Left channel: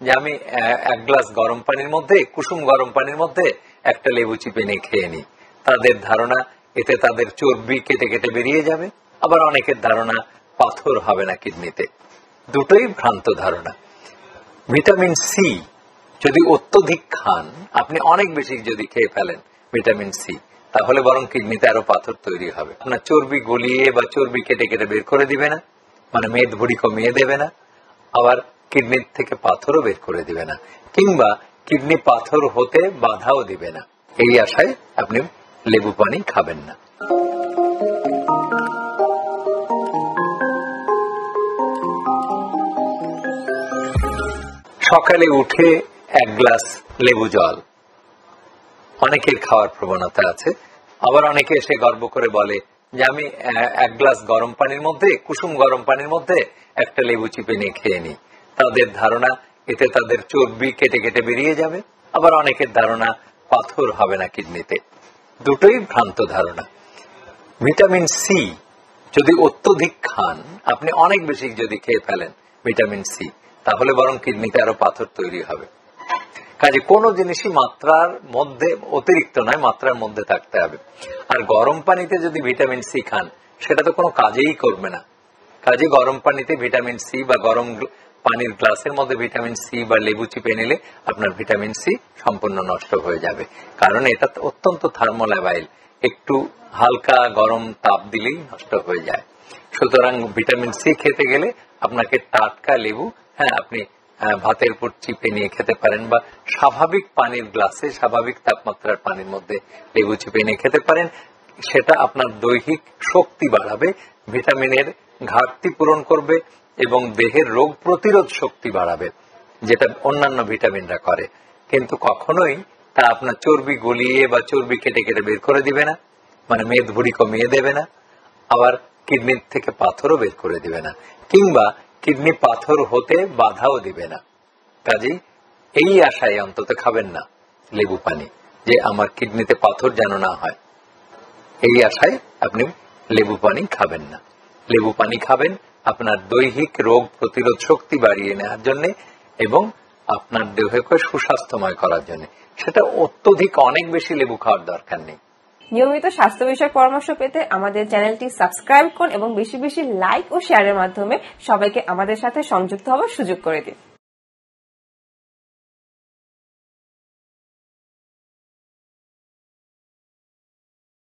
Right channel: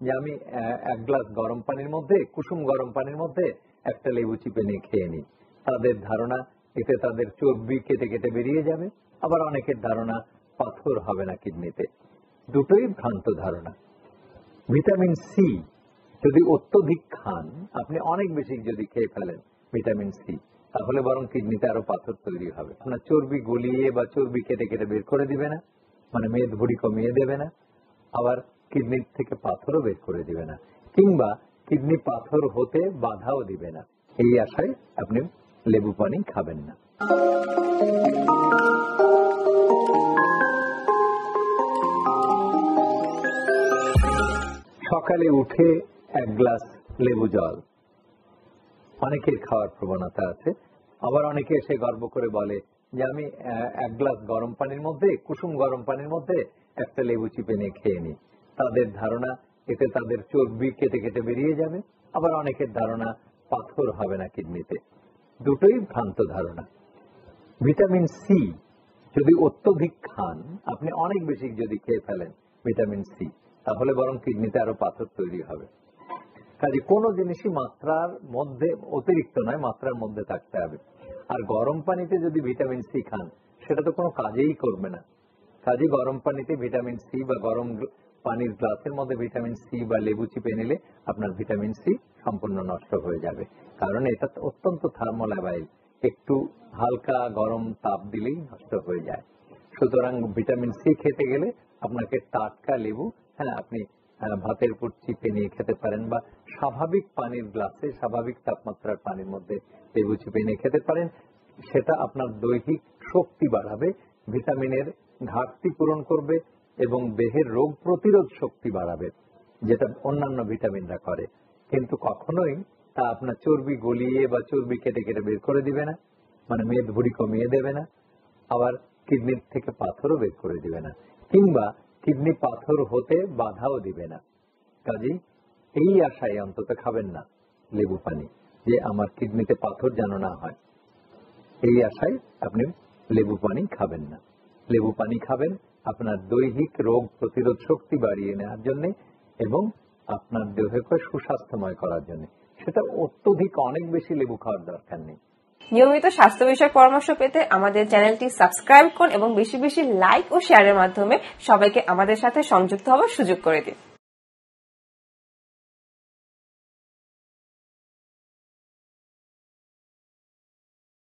যে আমি এক গ্লাস গরম পানির মধ্যে, কুসুম গরম পানির মধ্যে একটা লেবু চিপে নিয়ে খেয়ে নিই। তাদের ধারণা এতে তাদের চর্বি কেটে কেটে বেরিয়ে যাবে। আবার অনেকের ধারণা পাথর হবে না কিডনিতে। দুটোই ভ্রান্ত ধারণা। ভিটামিন সি যদি অত্যধিক খান, আপনি অনেক বেশি যদি খেয়ে ফেলেন ভিটামিন সি, তাহলে বরং কিডনিতে আরো পাথর তৈরি হবে। আপনার চর্বি গলিয়ে বা চর্বি কেটে কেটে বের করে দিবে না, মানে মেদ ভুঁড়ি কমিয়ে দেবে না, আবার কিডনির থেকে পাথরও বের করে দিবে না, কিংবা কিডনি পাথর হতে বাধাও দিবে না। এই আশায় আপনি লেবু পানি খাবেন না। সকালে উঠে এক গ্লাস লেবু জল অনেকের খাওয়ার প্রবণতা আছে। আবার অনেকে এসে গর্ব করে বলে যে আমি এক গ্লাস গরম পানির মধ্যে, কুসুম গরম পানির মধ্যে একটা লেবু চিপে নিয়ে খেয়ে নিই। তাদের ধারণা এতে তাদের চর্বি কেটে কেটে বেরিয়ে যাবে। আবার অনেকের ধারণা পাথর হবে না কিডনিতে। দুটোই ভ্রান্ত ধারণা। ভিটামিন সি যদি অত্যধিক খান, আপনি অনেক বেশি যদি খেয়ে ফেলেন ভিটামিন সি, তাহলে বরং কিডনিতে আরো পাথর তৈরি হবে। কাজে কোনো জিনিসই মাত্রার মধ্যে, অতিরিক্ত নয়, মাত্রার মধ্যে থাকতে হবে। আর গরম পানিতে যদি ভিটামিন সি খান, সেটা তো কোনো কাজেই করবে না। কাজে গরম পানিতে ভিটামিন সি বা গরম পানির গ্লাসের মধ্যে ভিটামিন সি বা লেবু চিপে নিলে আপনার ভিটামিন সি সম্পূর্ণ নষ্ট হয়ে যাবে। কারণ এটা অত্যন্ত থার্মোলাবাইল, একটু হালকা গরম তাপ দিলেই নষ্ট হয়ে যায়। সুতরাং ভিটামিন সি খেতে গেলে আপনাকে টাটকা লেবু, আপনি ভাতের উপর চিপে নিয়ে খেতে পারেন, বা স্বাভাবিক পানির গ্লাসে স্বাভাবিক তাপমাত্রার পানির মধ্যে লেবু চিপে নিয়ে খেতে পারেন। সেটা আপনার দৈহিক শক্তি বাড়াবে, ভিটামিনের ঘাটতি পূরণ করবে এবং দেহের রোগ প্রতিরোধ শক্তি বাড়াবে, যেটা অন্যান্য ভিটামিনরা করে। কিন্তু কখনোই তা আপনার চর্বি গলিয়ে বা চর্বি কেটে কেটে বের করে দিবে না, মানে মেদ ভুঁড়ি কমিয়ে দেবে না, আবার কিডনির থেকে পাথরও বের করে দিবে না, কিংবা কিডনি পাথর হতে বাধাও দিবে না। কাজেই এই আশায় অন্তত খাবেন না লেবু পানি, যে আমার কিডনিতে পাথর যেন না হয়। এই আশায় আপনি লেবু পানি খাবেন না। লেবু পানি খাবেন আপনার দৈহিক রোগ প্রতিরোধ শক্তি বাড়িয়ে নেওয়ার জন্য এবং আপনার দেহকে সুস্বাস্থ্যময় করার জন্য। সেটা অত্যধিক অনেক বেশি লেবু খাওয়ার দরকার নেই। নিয়মিত স্বাস্থ্য বিষয়ক পরামর্শ পেতে আমাদের চ্যানেলটি সাবস্ক্রাইব করুন এবং বেশি বেশি লাইক ও শেয়ারের মাধ্যমে সবাইকে আমাদের সাথে সংযুক্ত হওয়ার সুযোগ করে দিন।